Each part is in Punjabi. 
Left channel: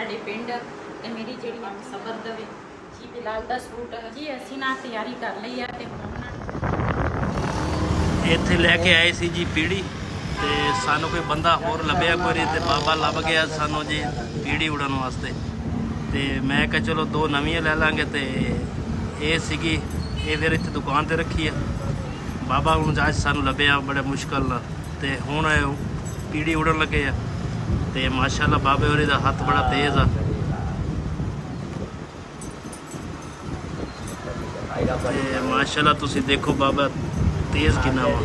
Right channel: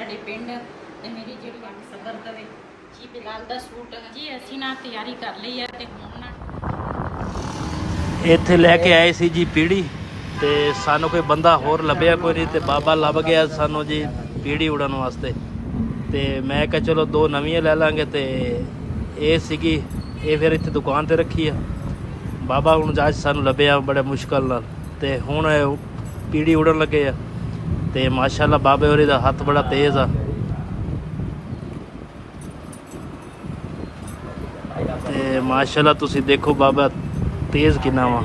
ਸਾਡੇ ਪਿੰਡ ਤੇ ਮੇਰੀ ਜਿਹੜੀ ਅੱਖ ਸਬਰ ਦਵੇ ਜੀ। ਬਿਲਾਲ ਦਾ ਸੂਟ ਜੀ ਅਸੀਂ ਨਾ ਤਿਆਰੀ ਕਰ ਲਈ ਹੈ ਤੇ ਹੁਣ ਨਾ ਇੱਥੇ ਲੈ ਕੇ ਆਏ ਸੀ ਜੀ ਪੀੜੀ ਤੇ ਸਾਨੂੰ ਕੋਈ ਬੰਦਾ ਹੋਰ ਲੱਭਿਆ ਕੋਈ ਨਹੀਂ ਤੇ ਬਾਬਾ ਲੱਭ ਗਿਆ ਸਾਨੂੰ ਜੀ ਪੀੜੀ ਉਡਣ ਵਾਸਤੇ। ਤੇ ਮੈਂ ਕਿਹਾ ਚਲੋ ਦੋ ਨਵੀਆਂ ਲੈ ਲਾਂਗੇ ਤੇ ਇਹ ਸੀਗੀ ਇਹ ਫਿਰ ਇੱਥੇ ਦੁਕਾਨ ਤੇ ਰੱਖੀ ਆ। ਬਾਬਾ ਹੁਣ ਅੱਜ ਸਾਨੂੰ ਲੱਭਿਆ ਬੜੇ ਮੁਸ਼ਕਲ ਨਾਲ ਤੇ ਹੁਣ ਪੀੜੀ ਉਡਣ ਲੱਗੇ ਆ ਤੇ ਮਾਸ਼ਾਅੱਲਾ ਬਾਬੇ ਹੋਰੀ ਦਾ ਹੱਥ ਬੜਾ ਤੇਜ਼ ਆ। ਤੇ ਮਾਸ਼ਾਅੱਲਾ ਤੁਸੀਂ ਦੇਖੋ ਬਾਬਾ ਤੇਜ਼ ਕਿੰਨਾ ਵਾ।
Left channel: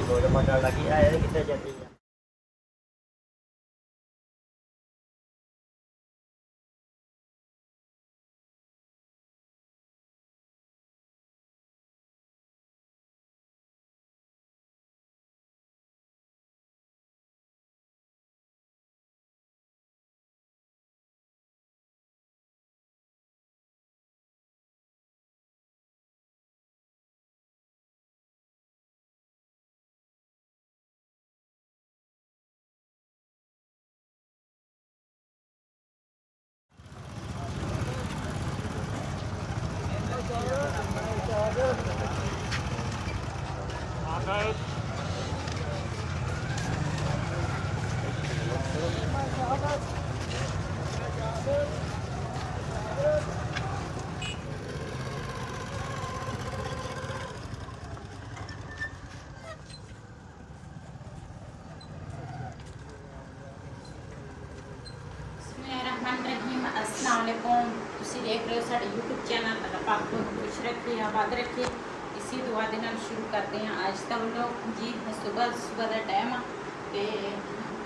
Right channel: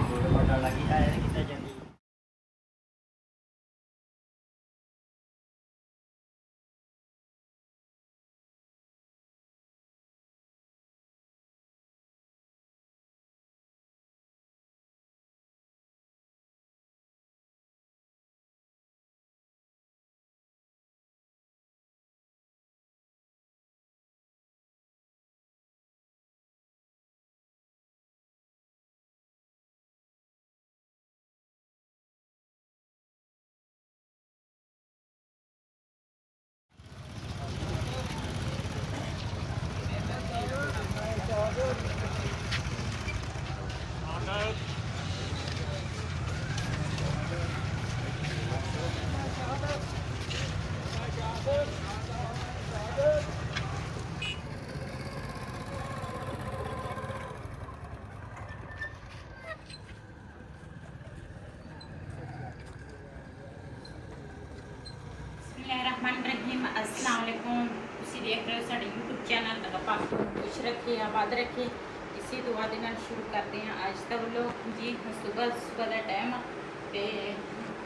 अस्सलाम वालेकुम। ਤੁਸੀਂ ਦੇਖ ਰਹੇ ਹੋ ਸਾਡੇ YouTube ਚੈਨਲ ਦਾ ਪਾਕ ਤੋਂ ਖੁਸ਼ ਰੱਖੇ ਆਬਾਦ ਰੱਖੇ ਇਸੇ ਦੁਆ ਦੇ ਨਾਲ ਸ਼ੁਰੂ ਕਰਦੇ ਹਾਂ ਅੱਜ ਦਾ ਵਲੋਗ ਜੀ। ਸਵੇਰ ਦਾ ਟਾਈਮ ਆ ਤੇ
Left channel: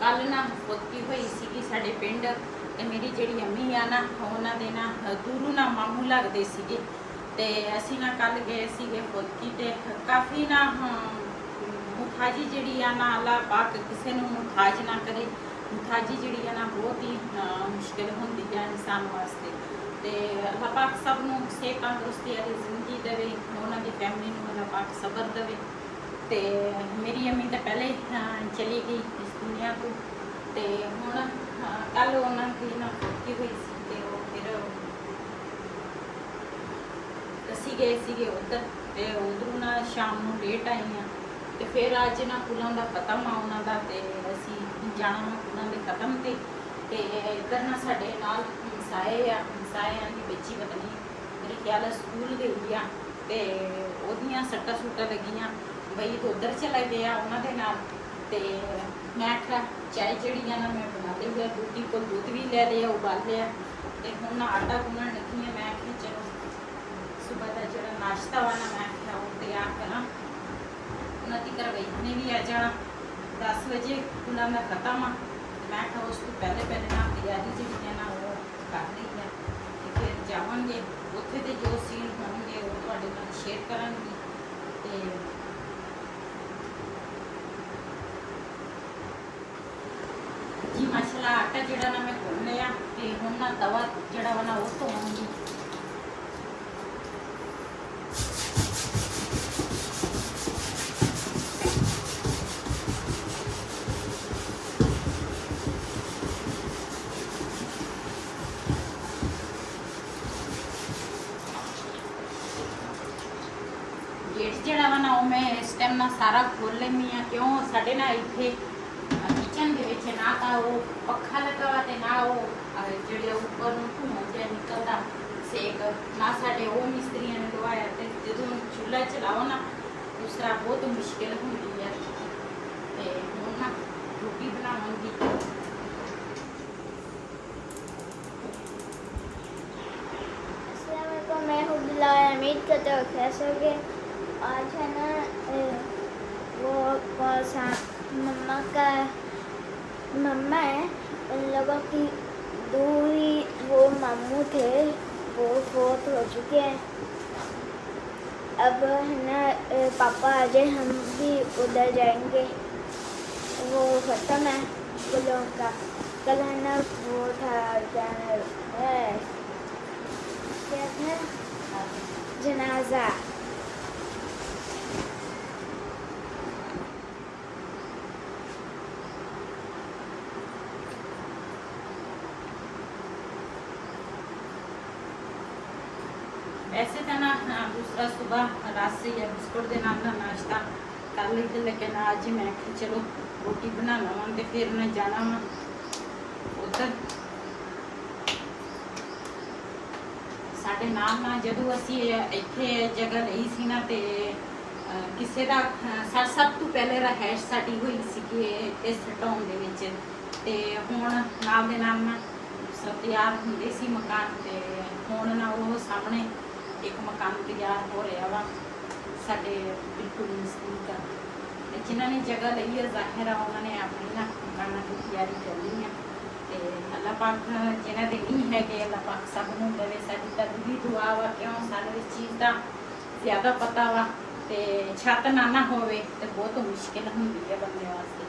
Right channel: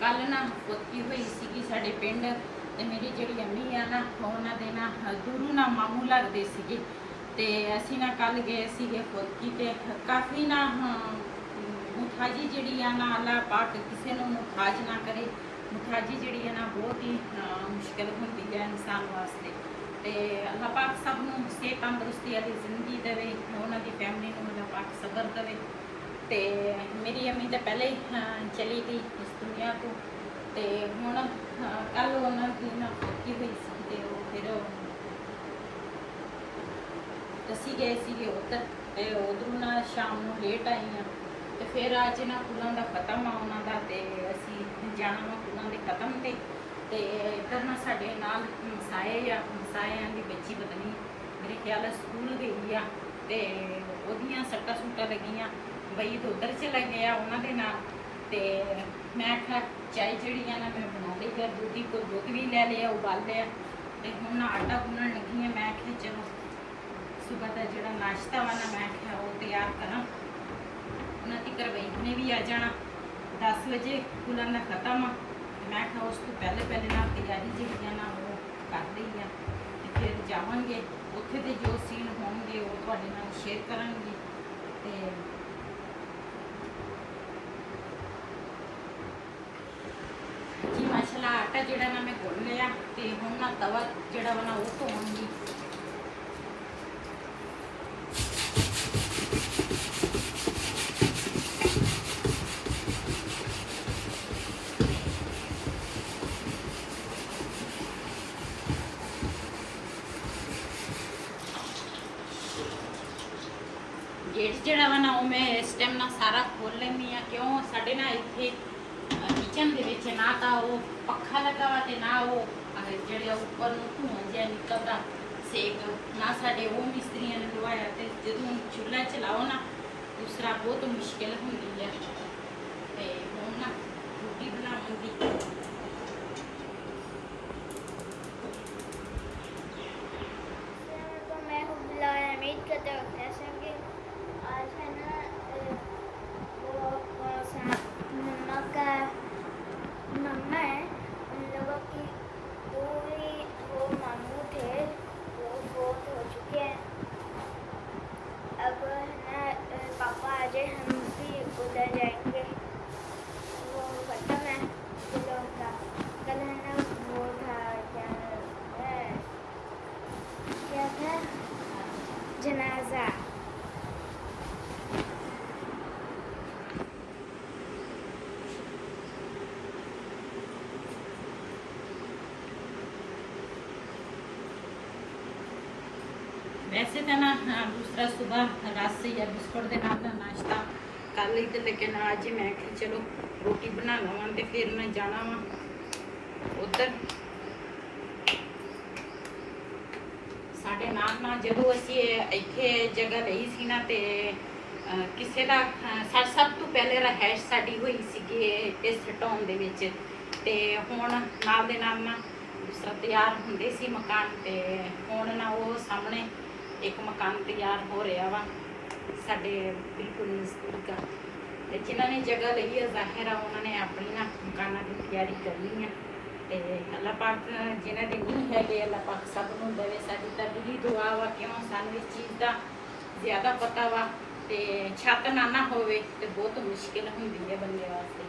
ਕੱਲ ਨਾ ਫੋਟਕੀ ਹੋਈ ਸੀਗੀ ਸਾਡੇ ਪਿੰਡ ਤੇ ਮੇਰੀ ਜਿਹੜੀ ਅੰਮੀ ਆ ਨਾ ਉਹਨਾਂ ਦੇ ਨਾ ਦੂਰੂ ਨਾ ਮਾਮੂ ਲੱਗਦੇ ਸੀਗੇ ਤੇ ਅਸੀਂ ਨਾ ਕੱਲ ਗਏ ਸੀਗੇ ਫੋਟਕੀ ਤੇ ਕਾਫੀ ਨਾ ਮੁਠਾਜੀ ਜਿਹੜੀ ਆ ਨਾ ਅੱਲਾਹ ਪਾਕ ਕਿਸੇ ਨੂੰ ਮੁਠਾਜ ਨਾ ਕਰੇ। ਮੁਠਾਜੀ ਜਿਹੜੀ ਹੈ ਨਾ ਬਹੁਤ ਹੀ ਮੁਸ਼ਕਿਲ ਹੁੰਦੀ ਹੈ ਇਨਸਾਨ ਵਾਸਤੇ ਤੇ ਅੱਲਾਹ ਪਾਕ ਸਭ ਨੂੰ ਸਿਹਤ ਤੰਦਰੁਸਤੀ ਵਾਲੀ ਜ਼ਿੰਦਗੀ ਦੇਵੇ ਉਹਨਾਂ ਦੀ ਫੈਮਿਲੀ ਨੂੰ ਅੱਲਾਹ ਪਾਕ ਸਬਰ ਦੇਵੇ। ਤੇ ਮੇਰੀ ਅੰਮੀ ਤਾਂ ਪਹਿਲੇ ਹੀ ਚਲੀ ਗਈ ਇਸ ਦੁਨੀਆ ਤੋਂ ਤੇ ਹੁਣ ਕੱਲ ਉਹਨਾਂ ਦੀ ਨਾ ਫੋਟਕੀ ਹੋਈ ਸੀ ਤੇ ਉਹ ਫਿਰ ਅਸੀਂ ਗਏ ਸੀਗੇ ਉੱਧਰ ਤੇ ਉਧਰੋਂ ਨਾ ਸ਼ਾਮ ਨੂੰ ਲੇਟ ਆਏ ਹਾਂ ਤੇ ਫਿਰ ਅੱਜ ਨਾ ਪੁਲਾਂ ਦਾ ਖਤਮ ਆ ਉਹਨਾਂ ਦਾ ਤੇ ਅਸੀਂ ਜਾਣਾ ਵਾ ਪੁਲਾਂ ਦੇ ਖਤਮ ਤੇ ਇੱਧਰ ਨਾ ਸਾਡੇ ਨਾਲ ਹਮਸਾਇਆਂ ਦੀ ਬੱਚੀ ਪਤਾ ਨਹੀਂ ਮੇਰੇ ਖਿਆਲ ਸਕੂਲ ਗਈ ਆ ਤੇ ਉਹਦੀਆਂ ਸੱਟਾਂ ਸੁੱਟਾਂ ਲੱਗੀਆਂ ਬਈ ਤਾਂ ਉੱਧਰ ਚਲਾ ਗਿਆ ਉਹਨਾਂ ਦੇ ਨਾਲ ਤੇ ਮੈਂ ਆਖਿਆ ਚਾਹ ਜਿਹੜੀ ਆ ਨਾ ਮੈਂ ਬਣਾ ਲਈ ਆ ਦੁੱਧੀ ਕੋਲ ਦੁੱਧ ਵੀ ਲੈ ਲਿਆ ਉਬਾਲ ਲਿਆ ਤੇ ਹੁਣ ਨਾ ਆਟਾ ਗੁੰਨਣ ਲੱਗੀ ਆ। ਮੈਂ ਆਖਿਆ ਚਲੋ ਸੁਬਹ ਦਾ ਜਿਹੜਾ ਨਾਸ਼ਤਾ ਵਾ ਨਾ ਮੈਂ ਆਖਿਆ ਉਹ ਤਿਆਰ ਕਰਾਂ। ਉਹਨਾਂ ਦੀ ਘਰ ਨੇ ਵੀ ਆ ਜਾਣਾ 10 ਵਜੇ ਉਹਨਾਂ ਦਾ ਖਤਮ ਆ। ਮੈਂ ਕਿਹਾ ਉਸ ਤੋਂ ਪਹਿਲੇ ਨਾ ਤਿਆਰੀ ਜਿਹੜੀਆਂ ਨਾ ਉਹ ਕਰ ਲਈ ਆ ਤੇ ਫਿਰ ਜਾਵਾਂਗੇ ਉੱਥੇ ਤੇ ਜੋ ਸੀਨ ਹੋਣਗੇ ਉਹ ਤੁਹਾਡੇ ਨਾਲ ਸ਼ੇਅਰ ਕਰਾਂਗੇ। ਤੇ ਜੀ ਮਾਸ਼ਾਅੱਲਾ ਆਟਾ ਜਿਹੜਾ ਨਾ ਮੈਂ ਗੁੰਨ ਲਿਆ ਤੇ ਹੁਣ ਨਾ ਤਵਾ ਜਿਹੜਾ ਵਾ ਨਾ ਉਹ ਧੋਵਾਂਗੀ। गेट ਜਿਹੜਾ ਵਾ ਨਾ ਉਹ ਮੈਂ ਇਸ ਟਾਈਮ ਨਾ ਸਾਰਾ ਖੋਲ ਲੈਂਦੀ ਆ ਕਿਉਂ ਸਾਡੇ ਨਾ ਇੱਥੇ ਕਿਚਨ ਦੇ ਵਿੱਚ ਨਾ ਤਾਂ ਉਹ ਪੱਖਾ ਲੱਗਾ ਵਾ ਤੇ ਨਾ ਉਹ ਜਿਹੜੇ ਉੱਪਰ ਧੂੰਆਂ ਜਿਹਾ ਨਿਕਲਦਾ ਸੇਕ ਨਾ ਸਾਡੇ ਉਹ ਮਿਸਤਰੀਆਂ ਨੇ ਲਵਾਇਆ ਤੇ ਜਦੋਂ ਚੁੱਲ੍ਹਾ ਚਲਾਓ ਨਾ ਦੂਸਰਾ ਬਹੁਤ ਮੁਸ਼ਕਿਲ ਹੁੰਦੀ ਹੈ ਤੇ ਹੁਣ ਨਾ ਰੋਟੀ ਬਣਾਵਾਂਗੀ। मैं हूँ बिलाल उम्मीद करते हो कैसे होगे। आज है ना वो कौन सा मम्मा है उन लोगों की दो ही वो मामू थे वो फोर्थ हो चुके हैं। अब है ना पापा आ जाए हम भी उधर जाएंगे। वो खत्म है फूलों का कल है ना वो था क्या था जनाजा। ਵੈਸੇ ਤਾਂ ਨਾ ਦੂਸਰਾ ਸਵੇਰ ਰਸ ਜਾਂ ਬਿਸਕੁਟ ਦੇ ਨਾਲ ਨਾ ਨਾਸ਼ਤਾ ਕਰ ਲਈ ਤੇ ਲੇਕਿਨ ਅੱਜ ਮੈਂ ਕਿ ਚਲੋ ਰੋਟੀ ਬਣਾ ਲਵਾਂ ਤੇ ਫਿਰ ਮੈਂ ਜਾਣਾ ਵਾ ਉੱਧਰ ਸਾਡੇ ਨਾਲ ਜਦੋਂ ਅਸੀਂ ਇੱਥੇ ਜਗ੍ਹਾ ਲਈ ਸੀ ਨਾ ਤੇ ਕਿਸੇ ਦਾ ਸਭ ਤੋਂ ਪਹਿਲੇ ਰਹਿائش ਸਾਡੀ ਹੋਈ ਸੀਗੀ ਇਸ ਟਾਊਨ ਦੇ ਵਿੱਚ ਤੇ ਹੁਣ ਨਾਲ ਦੇ ਨਾਲ ਨਾ ਸਭ ਤਿਆਰ ਹੁੰਦੇ ਸੀ ਮਕਾਨ ਤੇ ਹੁਣ ਨਾ ਉਹ ਸਾਹਮਣੇ ਇੱਕ ਮਕਾਨ ਤਿਆਰ ਹੋ ਰਿਹਾ ਵਾ ਸਾਡੇ ਬਿਲਕੁਲ ਨਜ਼ਦੀਕ ਤੇ ਜਿਨ੍ਹਾਂ ਨੇ ਜਗ੍ਹਾ ਲਈ ਹੈ ਜ਼ਾਹਿਰ ਆ ਉਹਨਾਂ ਨੇ ਆਪਣੀ ਨਾ ਮਕਾਨਾਂ ਦੀ ਤਿਆਰੀ ਕਰਨੀ ਆ ਤੇ ਅੱਲਾਹ ਪਾਕ ਜਿਨ੍ਹਾਂ ਦੇ ਨਹੀਂ ਹੈਗੇ ਅੱਲਾਹ ਪਾਕ ਸਭ ਨੂੰ ਦੇਵੇ। ਸਾਡੀ ਤਾਂ ਦਿਲੀ ਦੁਆ ਵਾ ਕਿਉਂ ਸਾਨੂੰ ਇਸ ਚੀਜ਼ ਦਾ ਜ਼ਿਆਦਾ ਪਤਾ ਵਾ ਤੇ ਛੱਤ ਨਾ ਹੋਵੇ ਤੇ ਬਹੁਤ ਮੁਸ਼ਕਿਲ ਹੁੰਦੀ ਹੈ ਬੰਦੇ ਵਾਸਤੇ।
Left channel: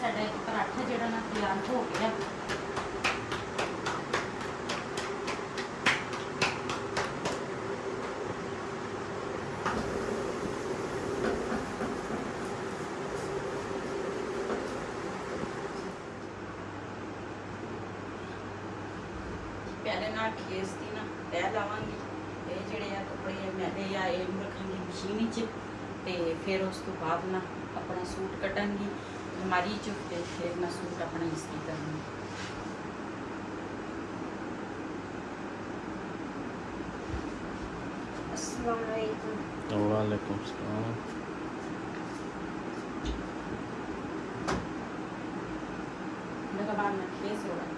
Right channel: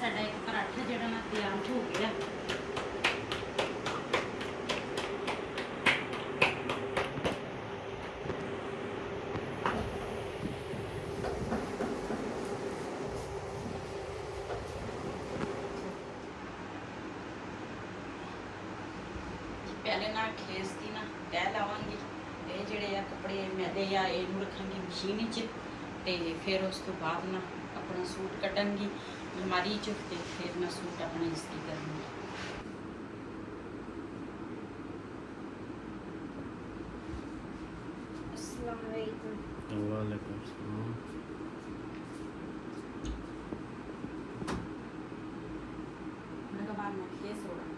ਸਾਡਾ ਇੱਕ ਪਰਾਠਾ ਜਿਹੜਾ ਨਾ ਤਿਆਰ ਹੋ ਗਿਆ। ਪਹਿਲੇ ਨਾਲ ਖੇਸ ਦੀ ਨਾ ਤਹਿ ਲਾਵਾਂਗੀ ਤੇ ਜਿਹੜੇ ਆ ਕੱਪੜੇ ਮੈਲੇ ਆ ਇਹਨੂੰ ਰੱਖਾਂਗੀ ਮਸ਼ੀਨ ਵਿੱਚ ਤੇ ਫਿਰ ਉਸ ਤੋਂ ਬਾਅਦ ਨਾ ਆਪਣਾ ਸੂਟ ਕੱਢਾਂਗੀ ਅਲਮਾਰੀ 'ਚ ਤੇ ਫਿਰ ਮੈਂ ਸੂਟ ਆਪਣਾ ਇਸਤਰੀ ਕਰਾਂਗੀ। अस्सलाम वालेकुम। वालेकुम सलाम। मेरा बाल ना केस हो रहा है।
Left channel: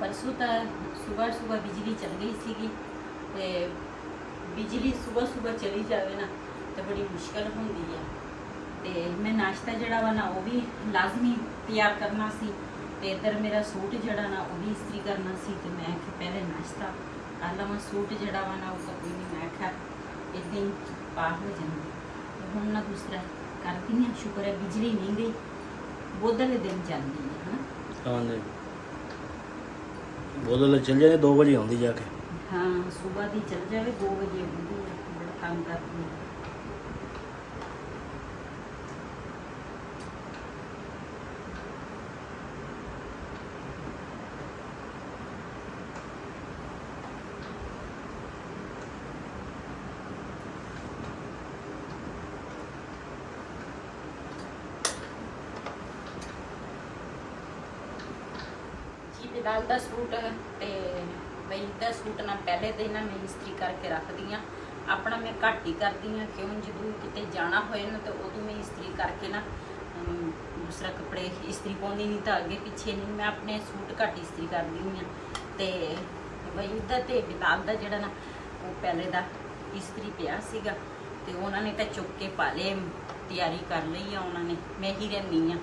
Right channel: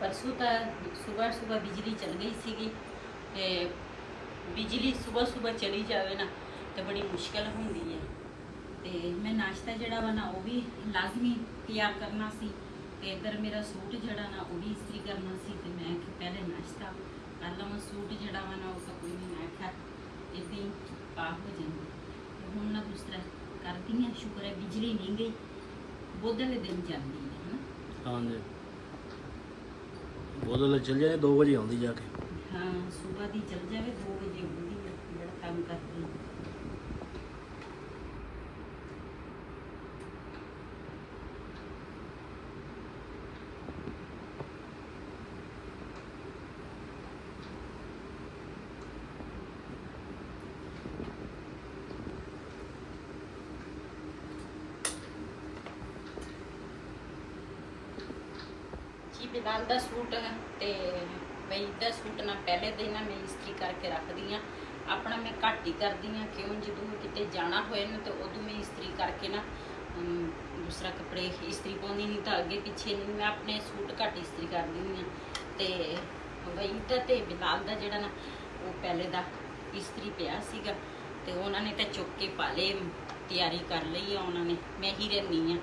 परसों तो सुबह सुबह बिजली चल गई सीगी ते बिजली सुबह सुबह चली जाए ना तो बड़ी मुश्किल होंदी है। ते मैं नाश्ता जड़ा वा ना वो भी लाजमी तैयार करना सी ते इधर मेरा सूट जड़ा ना वो भी इस्त्री करना सी ते मैं पहले नाश्ता कर लवां। सूट जड़ा वा ना वो कोई नहीं, मैं आख्या इदां ही पा हो जांदी हुण ना दूसरा करदी हां। शुक्र है बिजली नहीं गई, बोधले दिन चलदी है है ना। हाँ जी, बोधले चल जाए 2 बजे आउंदी जाके। हाँ सुबह दी चल जाए 2 बजे आउंदी है, बड़ा तंग करदी है। जी बिलाल का सूट है ते बई दा सूट ना पहले दिन ना मैं इस्त्री करके रखदी हाँ। अपना मैं घट ही करदी हाँ, क्यों जदों किते जाना होए ना तो उदों मैं इस्त्री करके ना ਦੂਸਰਾ ਕੱਪੜੇ ਇਸਤਰੀ ਪਾਉਂਦੀ ਨਹੀਂ ਤਾਂ ਅੱਗੇ ਪਿੱਛੇ ਨਹੀਂ, ਮੈਂ ਆਪਣੇ ਸੂਟ ਘੱਟ ਇਸਤਰੀ ਕਰਦੀ ਹਾਂ। ਤੇ ਵਹੀਦ ਦਾ ਤੇ ਬਿਲਾਲ ਦਾ ਜਿਹੜਾ ਨਾ ਉਹ ਪਹਿਲੇ ਦਾ ਇਸਤਰੀ ਪਿਆ ਸੀਗਾ ਤੇ ਉਹਨਾਂ ਨੇ ਤਾਂ ਚੁੱਕ ਕੇ ਪਾ ਲਏ, ਤਿਆਰੀ ਕਰ ਲਈ ਆ ਉਹਨਾਂ ਨੇ। ਮੈਂ ਹੀ ਰਹਿੰਦੀ ਆ,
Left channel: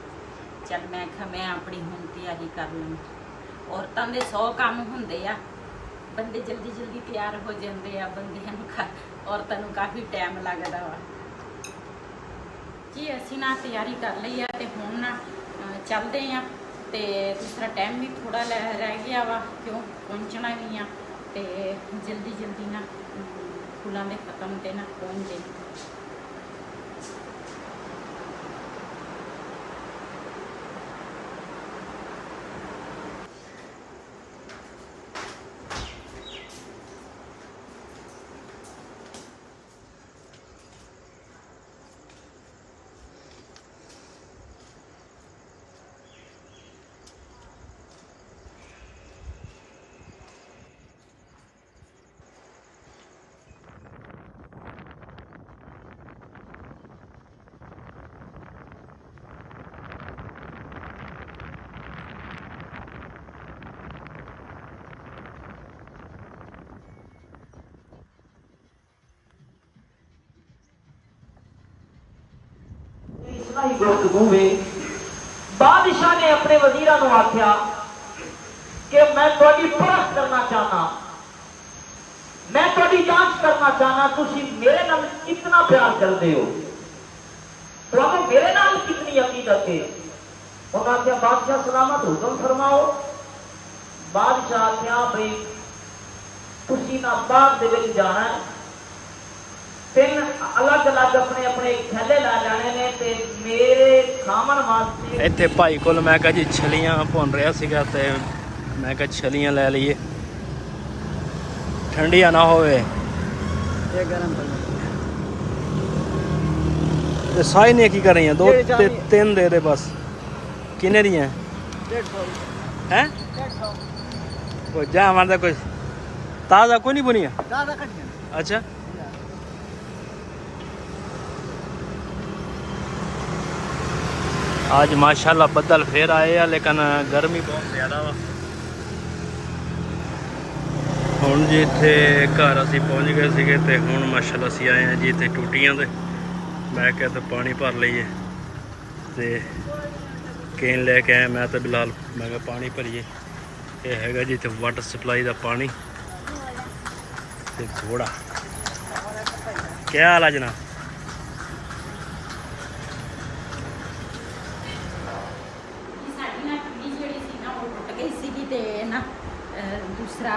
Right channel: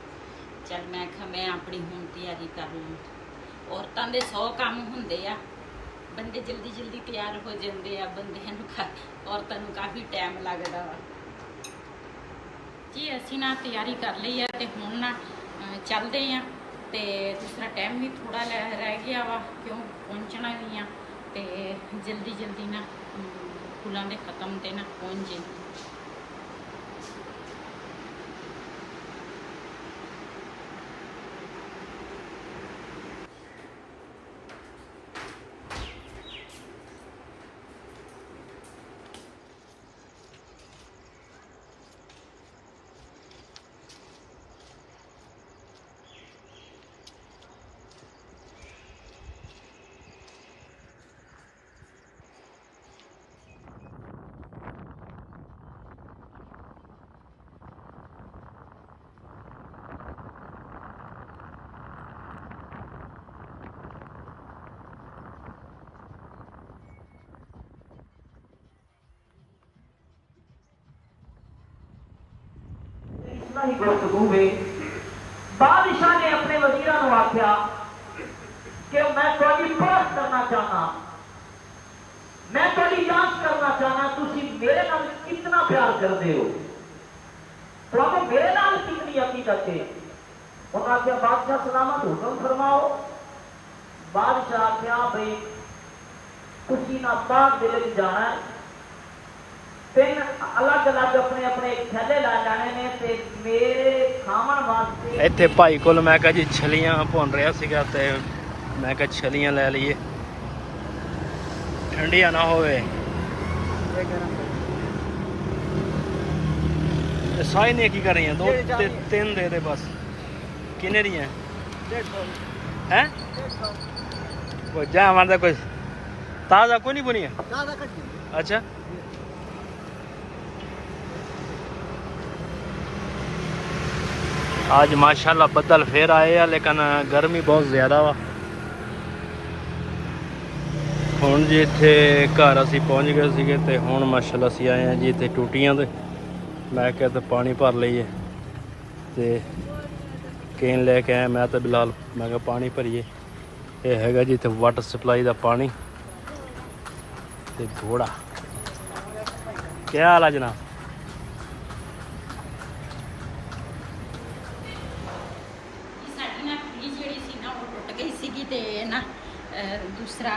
ਚੱਲ ਮੈਂ ਕਿਹਾ ਮੈਂ ਆਪਣੀ ਹੁਣ ਤਿਆਰੀ ਕਰ ਲਵਾਂ। ਔਰਤਾਂ ਦੇ 100 ਕੰਮ ਹੁੰਦੇ ਆ, ਬੰਦੇ ਜਲਦੀ ਜਲਦੀ ਤਿਆਰ ਹੋ ਜਾਂਦੇ ਆ, ਬੰਦਿਆਂ ਨੂੰ ਔਰਤਾਂ ਨੂੰ ਕਾਫੀ ਟਾਈਮ ਲੱਗਦਾ ਵਾ ਜੀ। ਅਸੀਂ ਨਾ ਤਿਆਰੀ ਕਰ ਲਈ ਆ ਤੇ ਹੁਣ ਨਾ ਚੱਲਦੇ ਆ। ਤੇ ਦੂਸਰਾ ਟਾਈਮ ਵੀ ਥੋੜਾ ਰਹਿ ਗਿਆ ਵਾ, ਕਿਉਂ ਪਹੁੰਚਣਾ ਵੀ ਆ ਤੇ ਜਲਦੀ ਜਲਦੀ ਨਾ ਫੁੱਲਾਂ ਦੇ ਖਤਮ ਤੇ ਨਾ ਪਹੁੰਚ ਜੇ। ही गुफ्तगू में बादशाह ने अपने वजीरा को आख्या कि मैं थोड़ी परख करना चाहना, मैं थोड़ी जांच करना चाहना, तुसी मेरे नाल कितना प्यार करते हो, तुहानू मेरे नाल कितनी अकीदत है। उन्होंने आख्या बादशाह सलामत हुक्म फरमाओ। बादशाह आख्या भाई तुसी ना बाग दे विच जाना है, 3 अलग अलग अपने अपने थैले ला जाने ने ते मेरे खावन वास्ते। ਇੱਥੇ ਭਾਈ ਕੋਲ ਮੈਂ ਕਿਹਾ ਜੀ ਛਲੀਆਂ ਭੁੰਨ ਰਿਹਾ ਸੀਗਾ ਤੇ ਮੈਂ ਕਿਹਾ ਛਲੀਆਂ ਲੈ ਲਈਏ, ਠੰਡੀਆਂ ਨਾ ਹੋਵੇ। ਤੇ ਸਾਈ ਨੇ ਕੀ ਕਰ ਰਹੀਆਂ? 2 ਤੇ 3 ਦੇ ਦੇ ਬਸ। ਕਿੰਨੇ ਦੀਆਂ ਹੈ? ਉਹ ਜਾ ਮਾਰਦਾ ਕੁਝ ਤਾਜ਼ਾ ਕੋਈ ਨਹੀਂ ਬੁਨੀਆ। अच्छा आज माशाल्लाह बदल फिर आए हैं, लेकिन गर्मी बहुत ज़्यादा वा। हुण जी इत्थे घर असीं पहुँच गए सीगे ते हुण माशाल्लाह असीं आए हैं जी इत्थे टूटियां ते मैं क्या तो पानी भर लईए ते केन लेके आया मैं तो बिलाल। मैं क्या पानी भरीए, ये हैगा जी इत्थे वाटर सप्लाई का पानी ते घोड़ा। क्या हाल है जनाब? दूसरा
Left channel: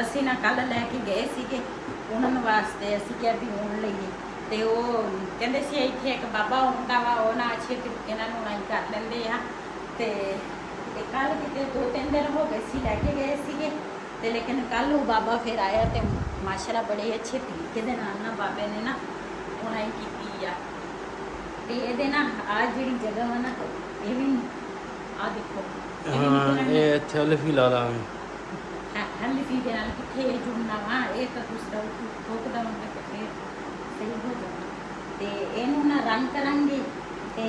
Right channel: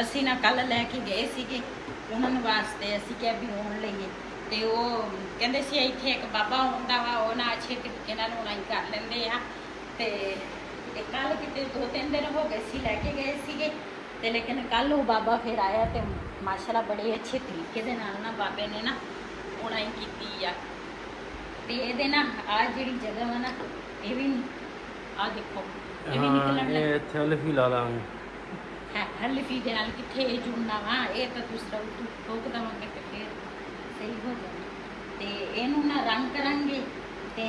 असी ना कल लैके गए सीगे उन्होंने वास्ते असी क्या भी आने लईए तो वो कहते सी इत्थे एक बाबा आउंदा वा, वो ना अच्छे तरीके नाल उनाई कर लेंदे आ। ते कल किते 2-3 दिन हो गए सी लैके गए सीगे ते लेकिन कल वो बाबा फिर आया तो माशाल्लाह बड़े अच्छे तरीके दे नाल ना बाबे ने ना उनाई कीती आ। ते इहदे ना आ जिहड़ी जगह वा ना ये भी आ देखो ये इत्थे लिफी ला लांगे हल्फी दे नाल किथे जुड़ना वा, ये तो दूसरा ठोक देवांगे ते फिर सही हो जाना। ते इहनू ना रंग करांगे ते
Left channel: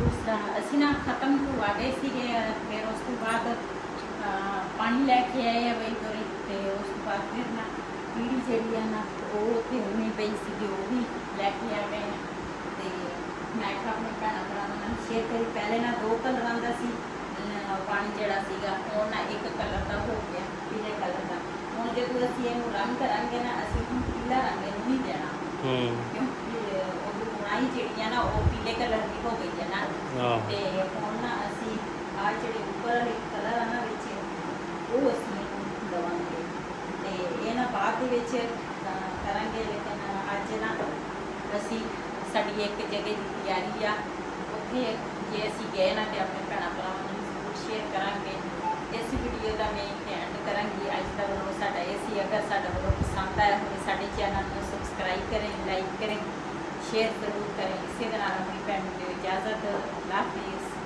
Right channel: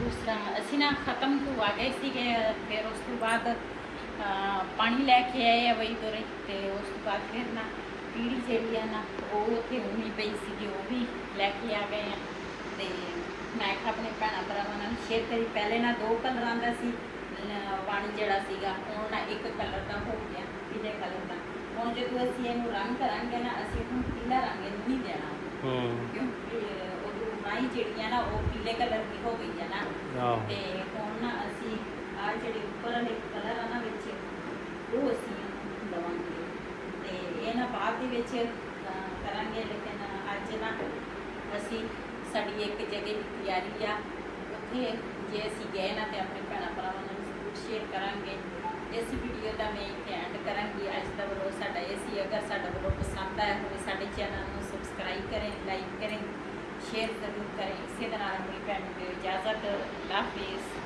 दूसरा असी ना खत्म तो आ गए सीगे। फिर उस तो बाद पानी लैके आए वही तुरे ते उस तो बाद फिर ना पीड़ी जेहड़ी है ना वो उत्थे उनी पई सीगी, वो भी लैके आ गए हैं। ते मैं अपने भैन भरावां नाल शेयर करी। पहले ना 2 कलरां दा सी पानी जिहड़ा सीगा, हुण ना 1 कलर का हो गया, पीले कलर का। हुण जो असीं इहनूं रंग करांगे ना असीं हुण पीला रंग इहनूं नहीं देना, क्योंकि ओहदी बुनाई जिहड़ी है ना वो पीले कलर की हो गई है ना। ते हुण ना असीं आ जिहड़े उपर वाले कलर आ ना विच वो असीं दवांगे ते इह ना बाद दे विच करांगे। लेकिन अज ना असीं साडी एक जगह की तैयारी आ, उत्थे जे असीं गए ना ते अपने भैणां भरावां नूं शेयर करांगे। इस वीडियो का मैं एंड करांगी। अज का व्लॉग साडा ये सी। अगर साडा व्लॉग पसंद आया हो साडे चैनल को सबसक्राइब करें, लाइक करें, शेयर जरूर करें। इसी दे नाल अपनी भैन नूं दिओ इजाजत। अल्लाह हाफिज़।